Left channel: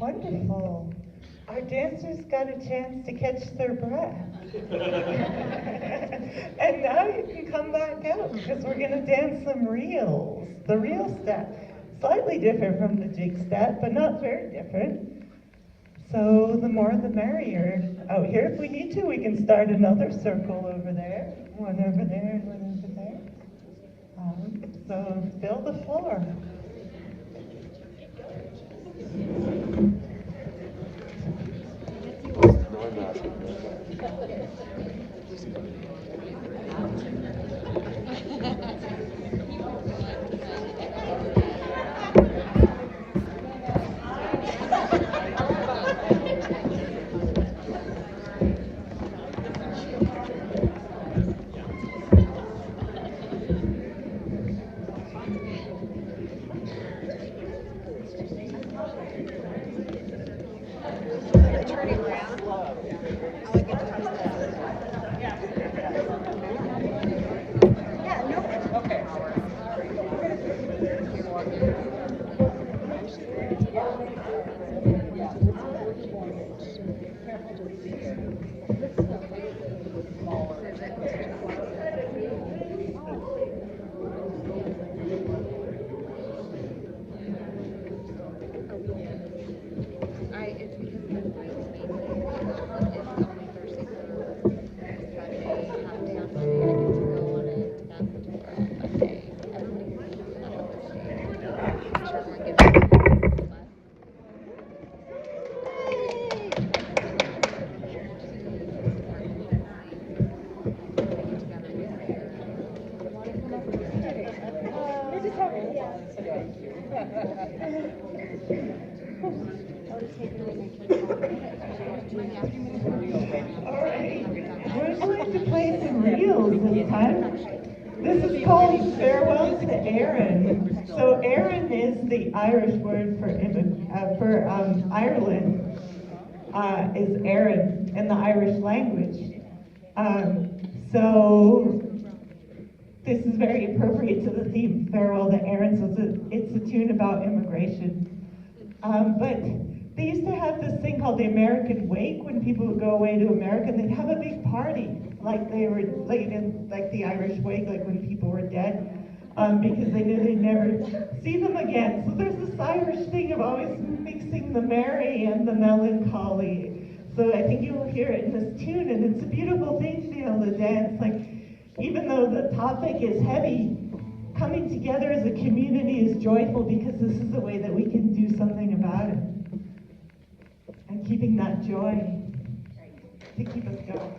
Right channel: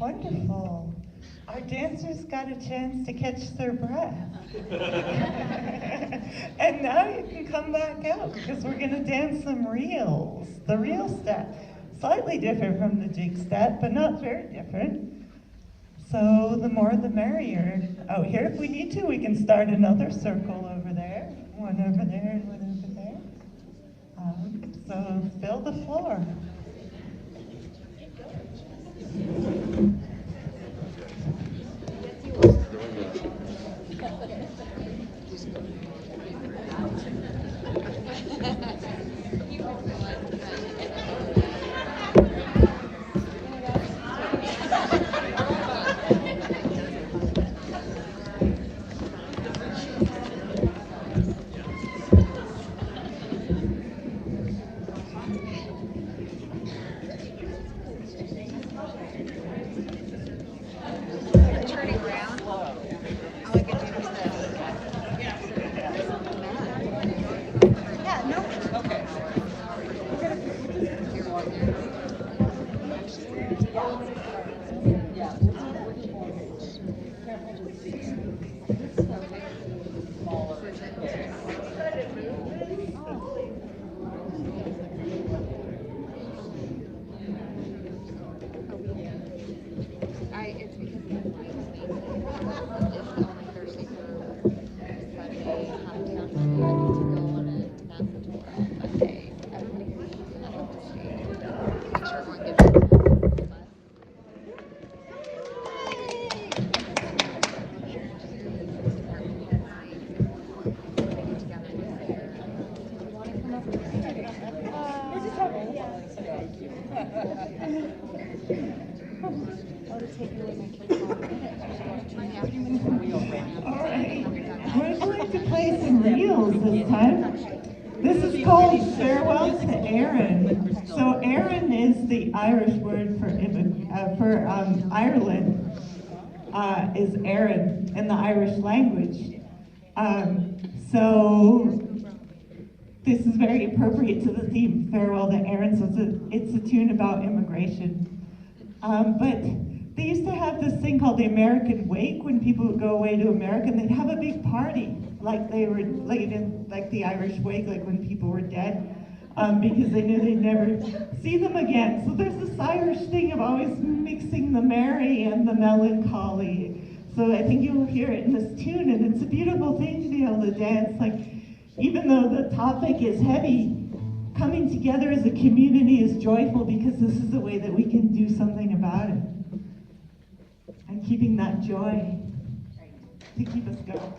Wonderful. Our dancers got a chance to catch their breath. And now you can come back out because we're going to dance some reels. The reel step. Slightly different from the jig step, but not very different. So the more the merrier. Out here, if we need to, we can start another circle over there. One over there and one over there. So fill the floor. This is called Farewell to Erin. So Erin is the Irish word for Ireland, is Erin in the Irish language. So this is very appropriate to the theme, Farewell to Erin. So it's a tune about immigration. But they used to have this thing called the American Wake when people would go away to America, and they'd have a big party, like they were like the Irish Wake, like when people were dead, because they knew they'd never see them again. So there's this Irish thing of always mixing the merry and the melancholy. So I think you'll hear it in this tune, and it's a beautiful thing to be able to dance. Like, even though the topic is heavy, coming together as a community is joyful because this is the way that we can do something about it. And keeping that joy to keep us going.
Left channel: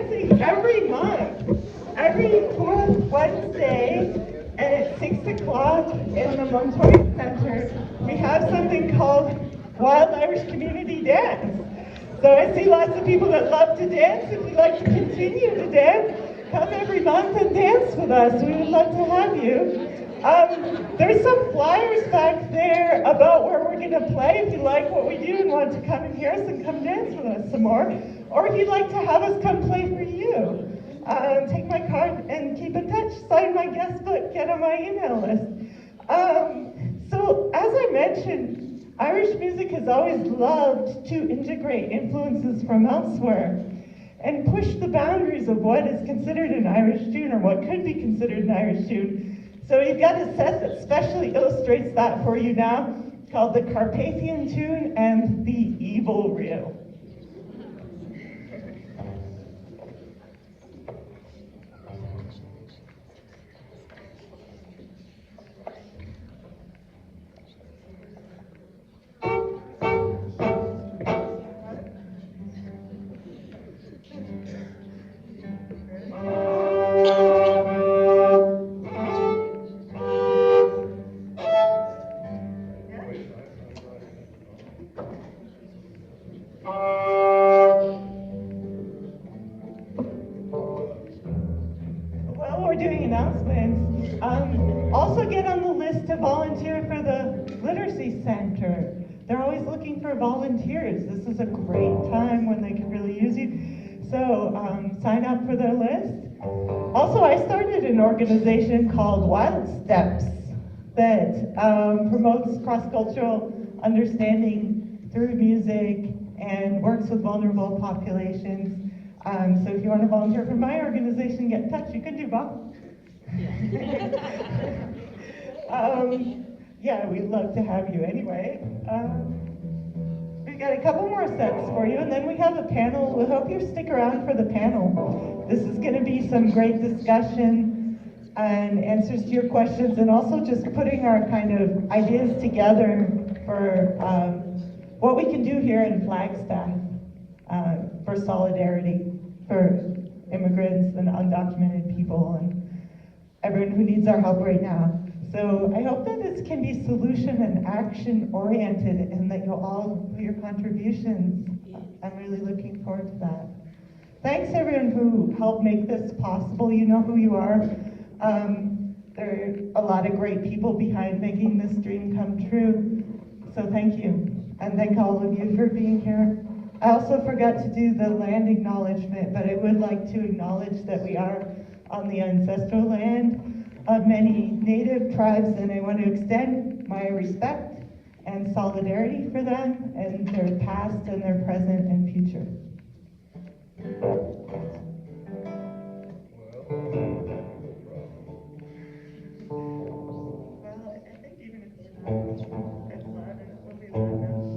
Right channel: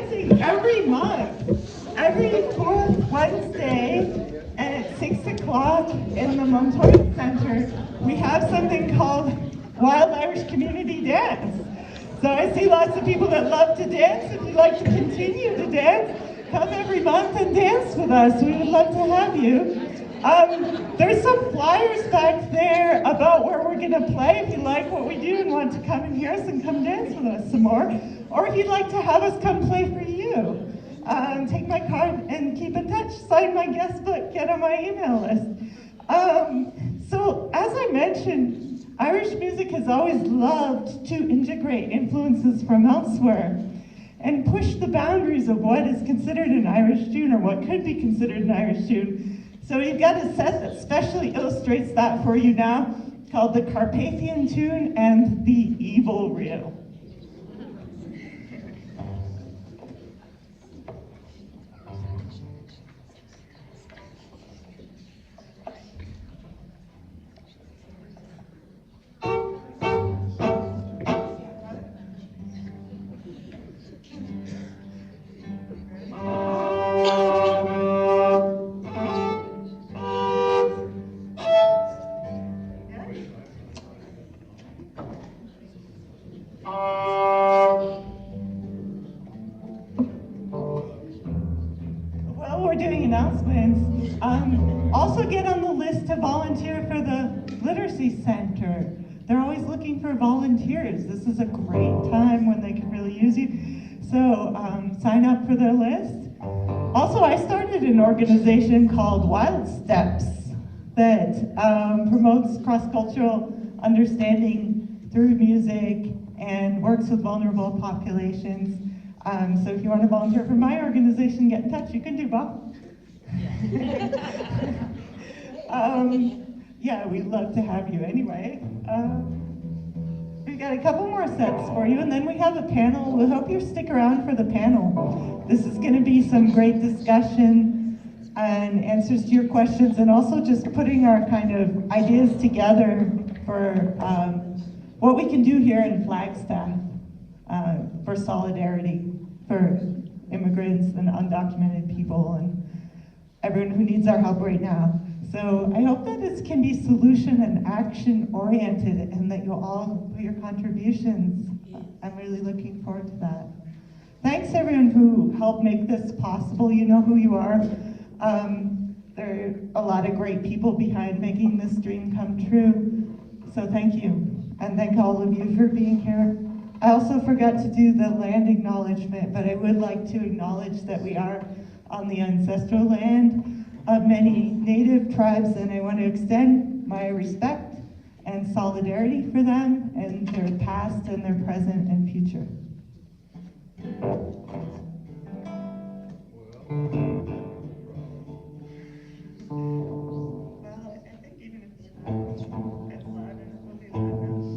dancing every month, every fourth Wednesday, and at 6 o'clock in the Montoya Center, we have something called Wild Irish Community Dance. So I see lots of people that love to dance. If you'd like to continue to dance, come every month and dance with us. We would love to have you. There's some flyers back there about where we're going to play if you like what we do and want to come and hear us and come dance with us some more. Or if you'd like to have us come play for you. Take my card and keep in touch. Sign my guest book. Get on my email list. So as I mentioned, Irish music has always loved to integrate influences from elsewhere and push the boundaries of what is considered an Irish tune or what could be considered an Irish tune. So we've got a set that specially illustrates that for you now, called the Carpathian Tune and the Evil Reel. Also get on the list to volunteer for the Literacy Center. They're always looking for volunteers. This is a great time when they can really use you. So sign up for their list. Also, I started an organization called Wild Steps that promotes cross-cultural understanding through music and works with vulnerable populations. So if you want to volunteer for my organization, get in touch. You can do both. Yeah, we'd love to have you anyway. We've got a couple more sets for you, and then we have a panel. We hope you stick around for the panel. This is going to be some great discussion and answers to your questions, and also just putting our kind of ideas together for what we can do here in Flagstaff for solidarity for immigrants and undocumented people and everyone who needs our help right now. So I hope that this can be solution and action oriented and that you'll all put your contributions. I'm really looking forward to that. Thanks everyone who helped make this possible. You know who you are. There are a lot of great people behind making this dream come true. So thank you. And thank all of you for being here. I also forgot to do the land acknowledgement, but I would like to acknowledge that we are on the ancestral land of many native tribes, and I want to extend my respect and solidarity for them and their past and their present and future. Well, I think even if it's loud, it will be loud enough.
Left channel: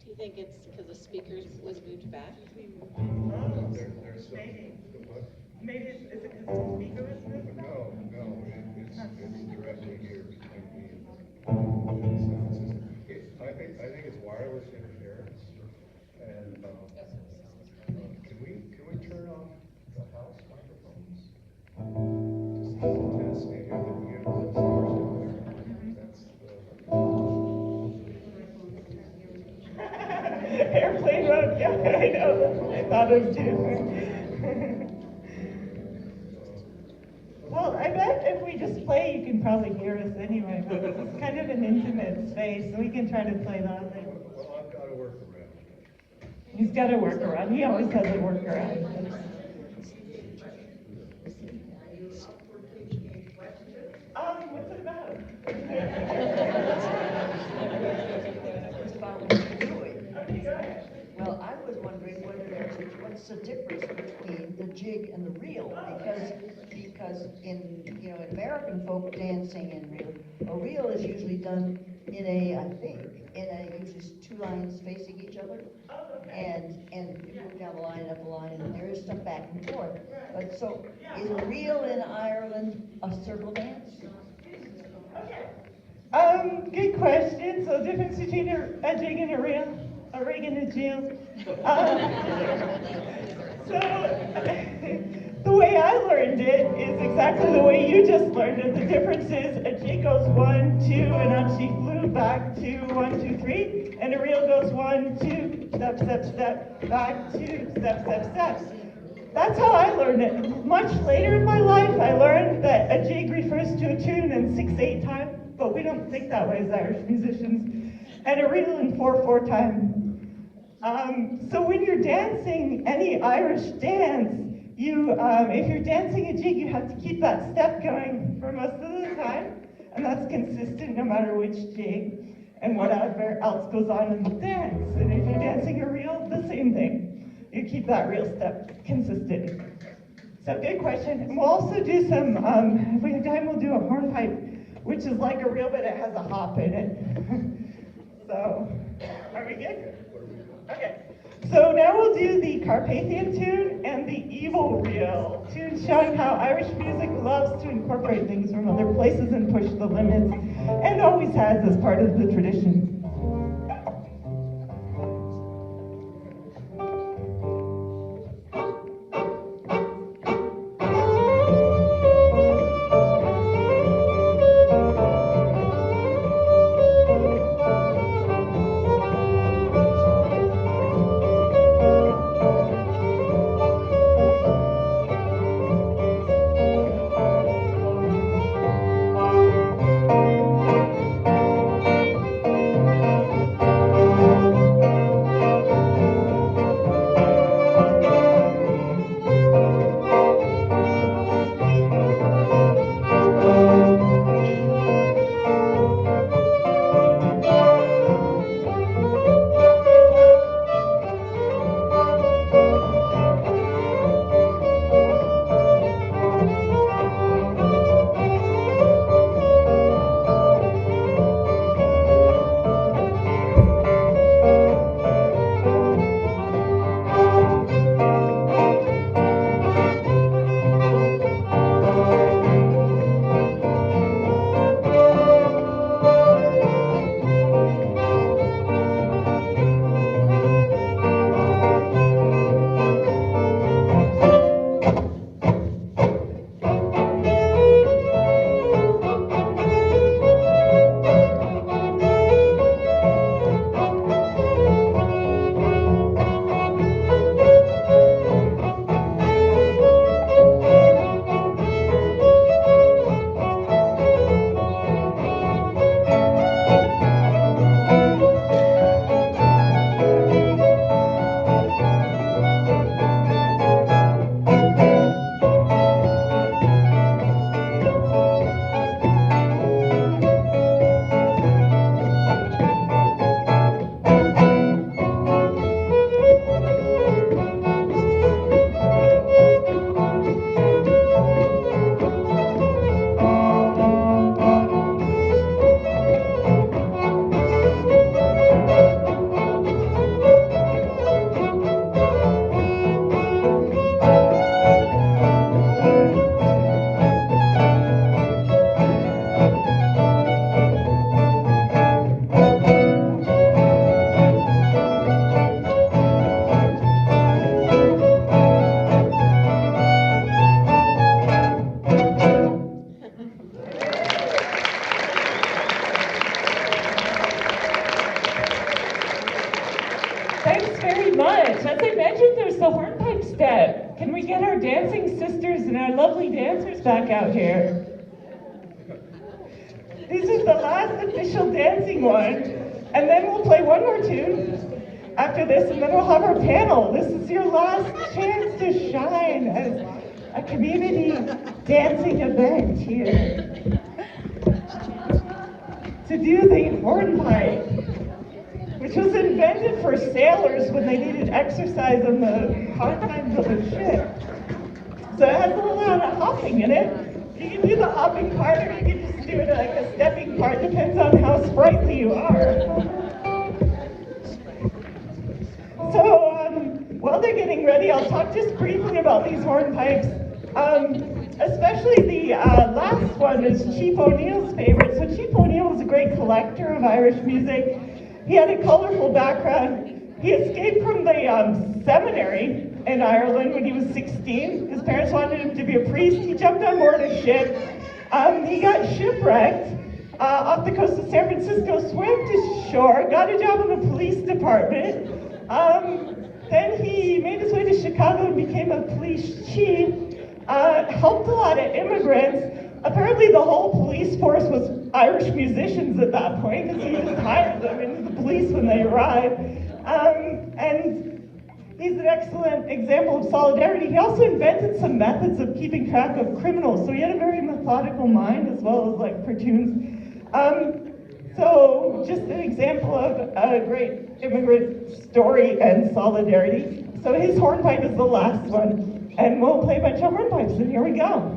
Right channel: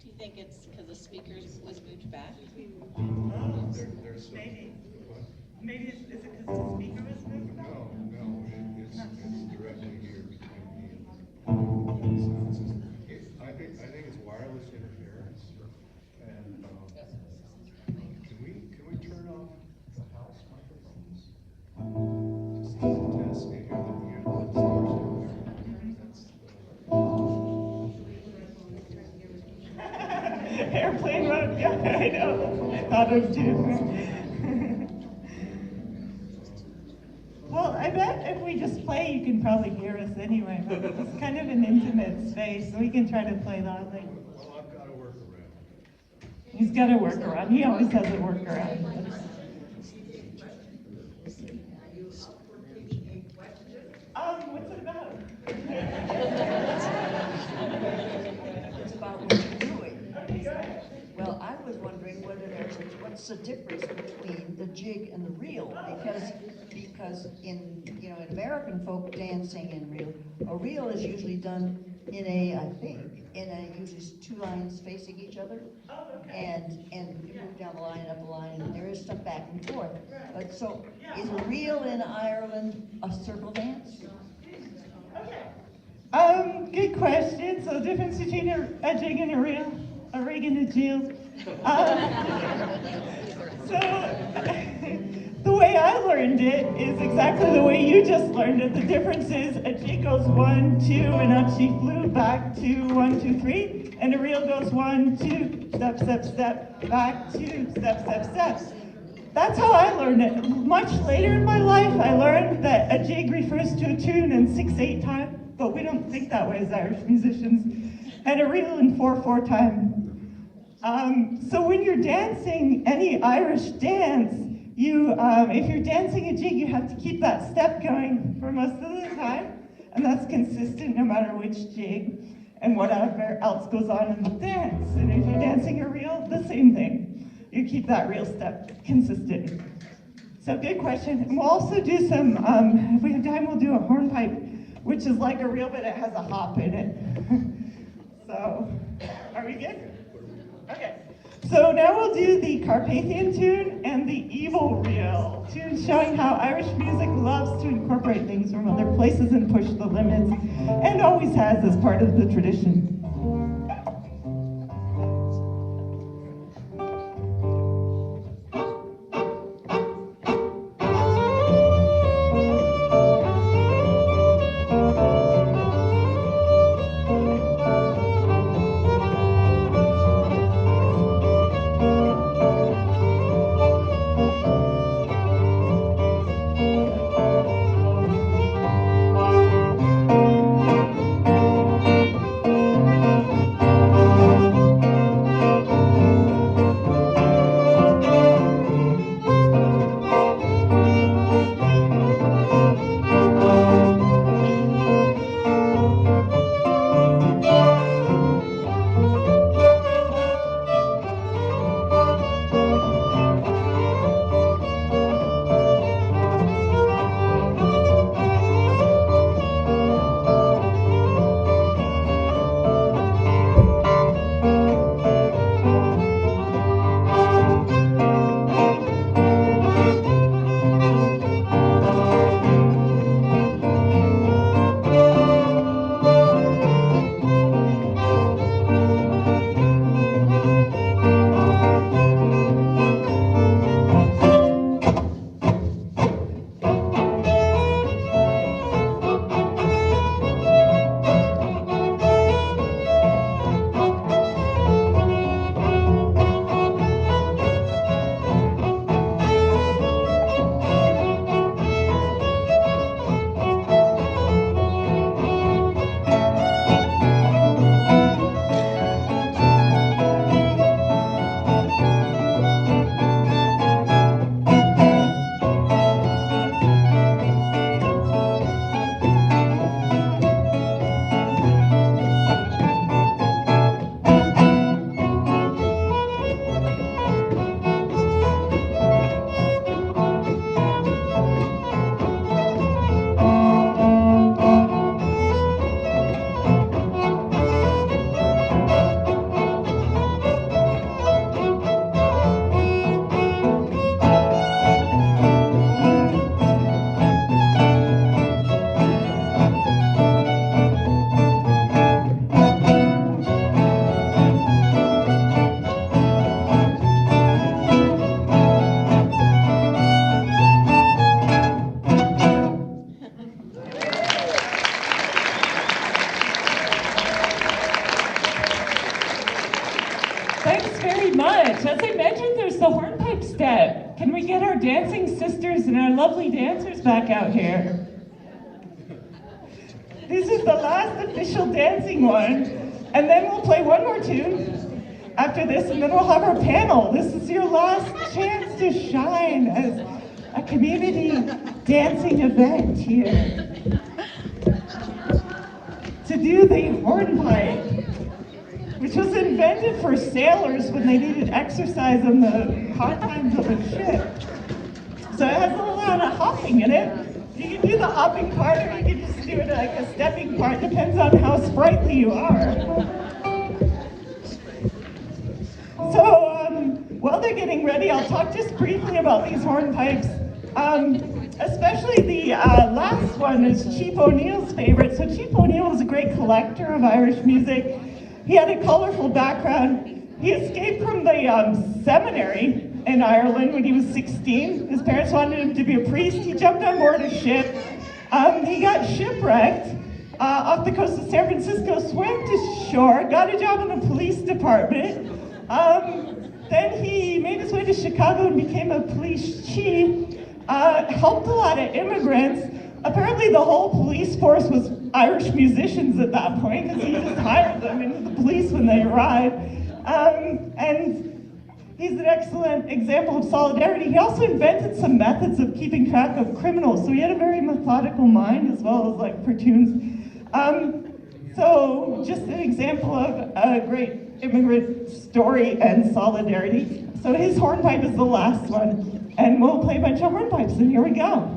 Do you think it's because the speakers was moved back? Maybe is it because the speaker was moved back? No, it's directly here between me and the sound system. I think it's wireless interference. And can we turn off the house microphones? Just to test the distortion there. That's Airplane mode, yeah, I know. I thought of too. Well, I bet if we just play, you can probably hear us anyway, but it's kind of an intimate space, so we can try to play loudly. well, I've got to work around. He's got a workaround. He always has a workaround. What's it about? Well, I was wondering what's the difference between the jig and the reel, because in American folk dancing and a reel is usually done in usually two lines facing each other, and you move down the line, up the line, and there is some back and forth. But so is a reel in Ireland a circle dance? Good question. So the difference between a jig and a reel? Jill. So, the way I learned it is exactly the way you just learned it. The difference is a jig goes 1, 2, and up she flew, back 2, 1, 2, 3, and a reel goes 1, 2, step, step, step, back 2, step, step, steps. That's how I learned it. Much later in my life, I learned that a jig refers to a tune in 6/8 time, but we don't think that way as Irish musicians, and a reel in 4/4 time. So when you're dancing any Irish dance, if you're dancing a jig, you have to keep that step going for most of the time, and that's consistent no matter which jig and whatever else goes on in the dance. And if you're dancing a reel, the same thing. You keep that reel step consistent. So good question. And we'll also do some, if we have time, we'll do a hornpipe, which is like a reel, but it has a hop in it. So, are we good? Okay. So now we'll do the Carpathian tune and the Evil Reel, tune showing how Irish music loves to incorporate things from other places and push the limits, and always has as part of the tradition. Can we get our dancing sisters and our lovely dancers back out here? This is the last official dancing one, and then we'll play one more tune after this, and then we'll have our panel. This is your last chance to shine as a community dancing event here. To do the hornpipe, which was invented for sailors when they needed exercise on the hard times of a ship. So it has a lot of hopping in it. You can do the hopping part, or you can just do it like a stepping part. Depends on how sprightly you are. So while they're getting ready, I'll talk just briefly about these hornpipes. Especially the last one is Chief O'Neill's favorite. So Chief O'Neill was a great collector of Irish music. He had a colorful background. He escaped from the seminary in Ireland when he was 16. His parents wanted him to be a priest. He jumped on board a ship. He got shipwrecked off the coast of San Francisco, swam to shore, got a job in the police department. Then he made his way to Chicago and became a police chief. Helped a lot of immigrants. Apparently the whole police force was Irish musicians at that point, because he just hired them into the police when they arrived. And he's an excellent example of solidarity. He also invented some methods of keeping track of criminals, so he had a very methodical mind as well as like cartoons. So just an example of a great immigrant story and solidarity. So his hornpipe is the last one, and we'll play a bunch of hornpipes, and here we go.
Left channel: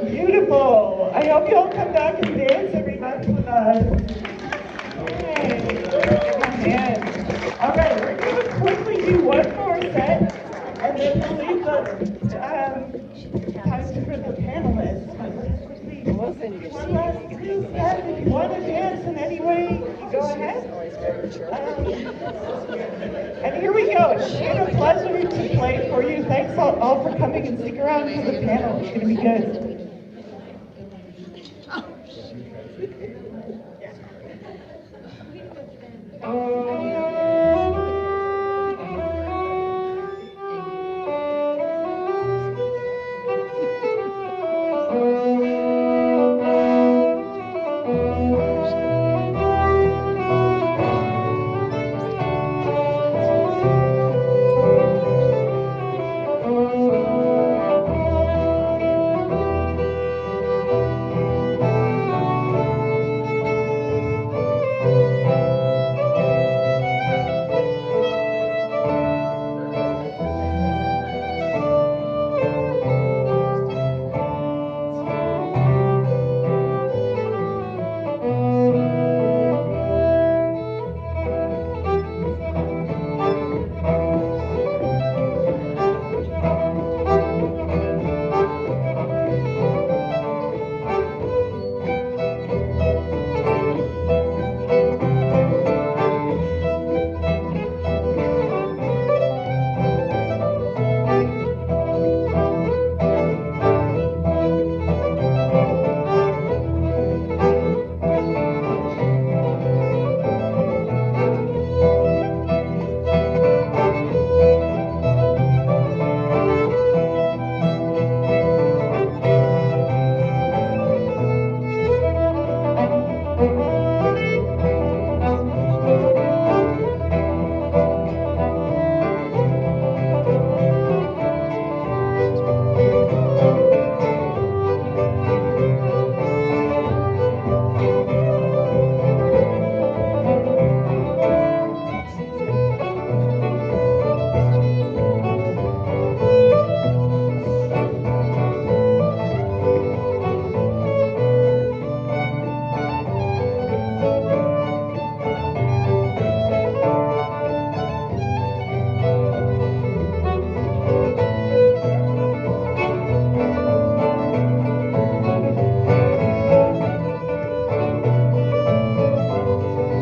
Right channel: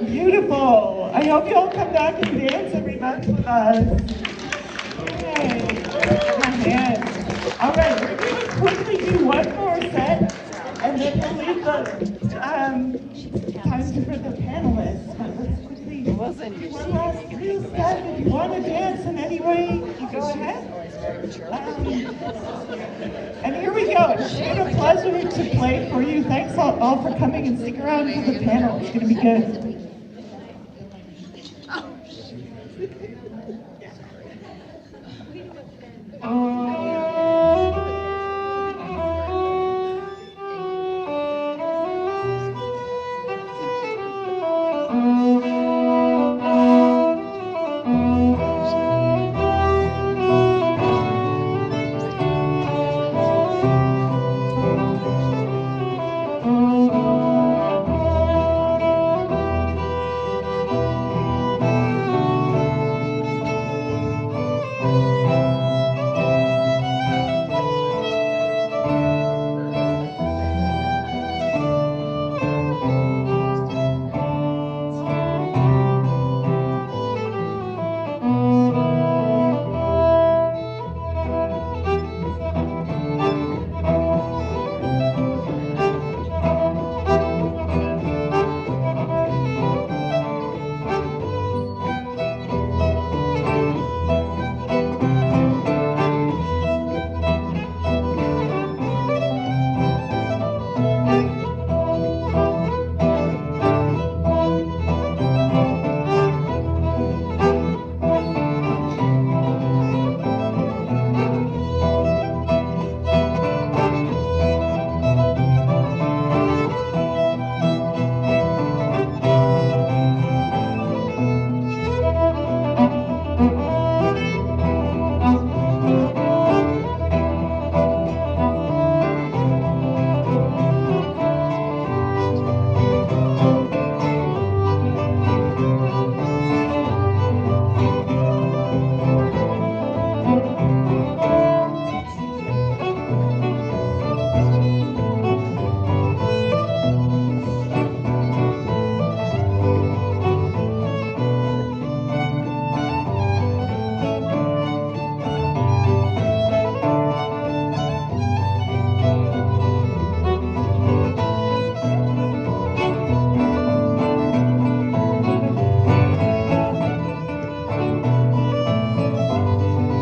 Beautiful. I hope you'll come back and dance every month with us. Yay. Come in. All right, we're going to quickly do one more set, and then we'll leave the time for the panelists. But let's quickly do one last reel set. If you want to dance in any way, you go ahead. And here we go. It's been a pleasure to play for you. Thanks all for coming, and stick around for the panel. It's going to be good.